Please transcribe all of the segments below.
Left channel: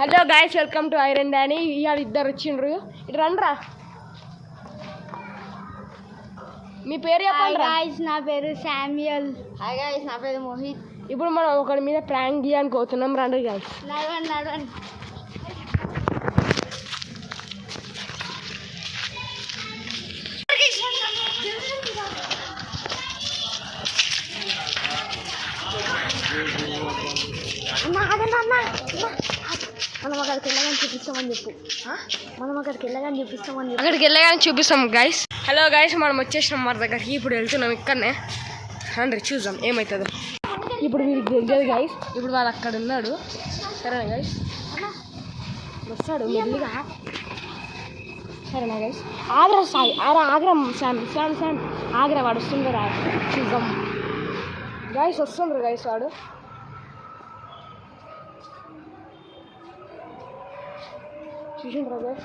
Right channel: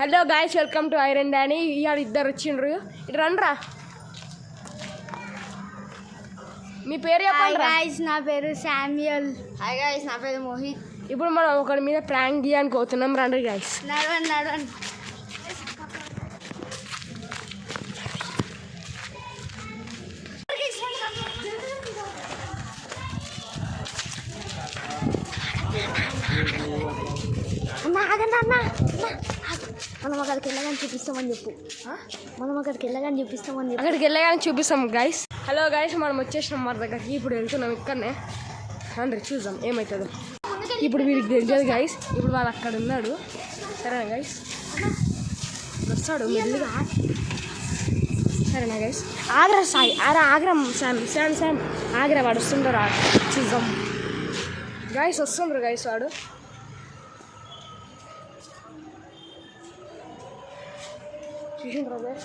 Hello guys, welcome to iron Danny. ఇవాళ ఇద్దరు వచ్చిండ్రు. ఇటు రండ్రా. మీ పేరు చెప్పండి రా. నా పేరు శామ్యుయల్. హాయ్ గాయస్, నా పేరు మోహిత్. ఇప్పుడు మనం ఒకరి మీద ప్రాంక్ చేయడానికి పోతున్నాం. రండి గాయస్. నడవండి. మనం అక్కడికి వెళ్ళగానే చూపిస్తామని చెప్పు. అక్కడికి వెళ్ళగానే చూపిస్తాం గాయస్. హలో గాయస్, మనం వచ్చేసినాం మన దగ్గరికి. ఇప్పుడు వెళ్తున్నాం ఇక్కడనే. రండి చూద్దాం ఏమవుతుందో. ఇప్పుడు వీరికి తెలియదు గాయస్. ఇప్పుడు వాళ్ళు అక్కడ ఉన్నాడు. సరేనా గాయస్? వస్తాడు మెల్లిగా. సరేనా గాయస్? ఆగ్రా సాయి ఆగ్రా శామ్ ఆగ్రా వాడు వస్తుండ్రు. చూద్దాం గాయస్. వస్తుండ్రు గాయస్. వాడు చూసిండ్రా గాయస్?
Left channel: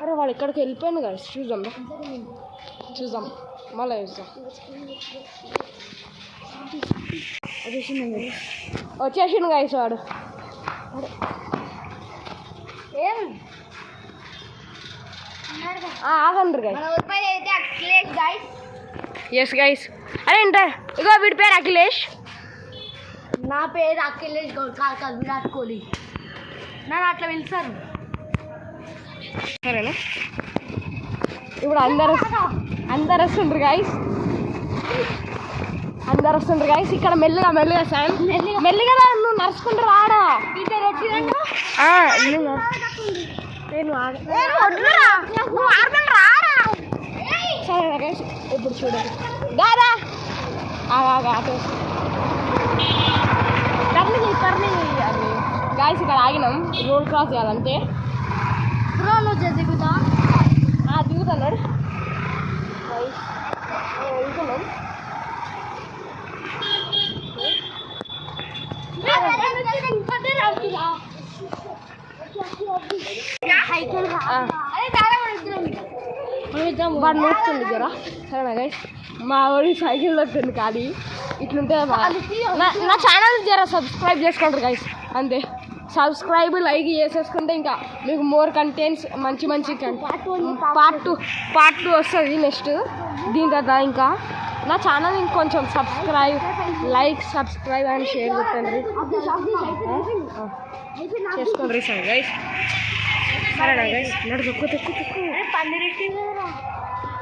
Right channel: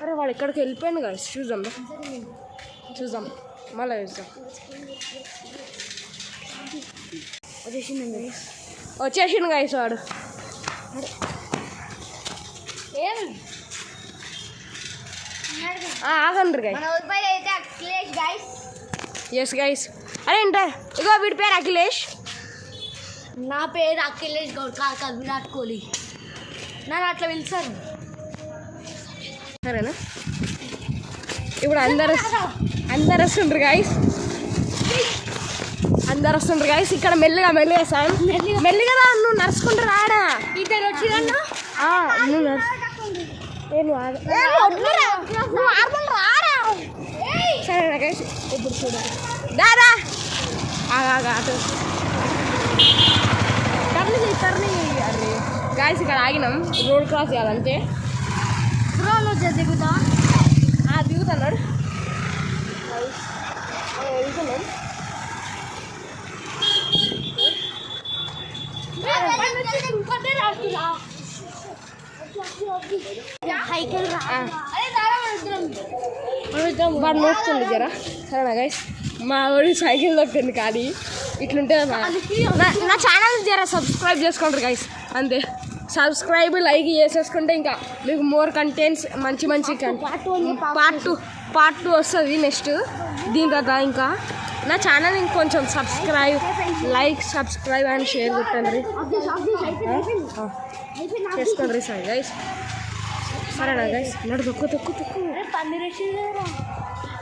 అరే వాడు ఎక్కడికి వెళ్ళిపోయాను గాయస్. చూద్దాం మళ్ళీ చూద్దాం. వచ్చేసిండు గాయస్ వాడు. ఆగండ్రు గాయస్. Yes guys. అరే ఏంటా ఇగో వీడి పేరు అఖిలేష్. నా పేరు అఖిలేష్ గౌడ్ కాదు, విరాట్ కోహ్లీ. నన్ను అట్లా పిలుస్తాను. సరేనా? ఇప్పుడు అందరు వస్తుండ్రు గాయస్. ఇక్కడ మెల్లిగా సార్ మెల్లిగా నువ్వు నడుచుకుంటూ రాడా. ఇద్దరు వచ్చిందా? సరేనా గాయస్? ఇప్పుడు చూడండి. దాదా అటు టర్నీ అరే గాయస్, ఇక్కడ ఆగినాం. రోడ్ క్రాస్ చేయాలంటే దిగుతున్నాడు. వెళ్తున్నాం. వాడు నోస్తుంది జరా. సరేనా గైస్? మా వాడి సైకిల్ దొక్కింది కానీ ఇట్లుంటే నా ఛానల్ జరా సబ్స్క్రైబ్ చేసుకుంటారు గైస్. అంతే. సబ్స్క్రైబ్ లైక్ చేసేసుకుంటే ఇంకా మీకు మోర్ కంటెంట్స్ మంచి పార్ట్ టూ వస్తుంది నెక్స్ట్. దీని తర్వాత ఇంకా నా ఛానల్ ఇంకొంచెం సబ్స్క్రైబ్ అండ్ షేర్ కొట్టండి. చేసుకోండి సార్ గైస్. సరేనా గైస్? నడు తొక్కు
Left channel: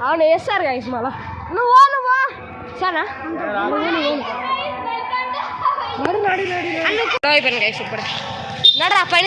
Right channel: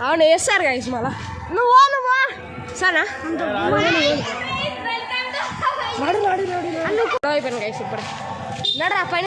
అవును వేస్తారు గైస్. మళ్ళా నువ్వు సరేనా? నడు అయిపోయాను గైస్. ఇప్పుడు నడు పైన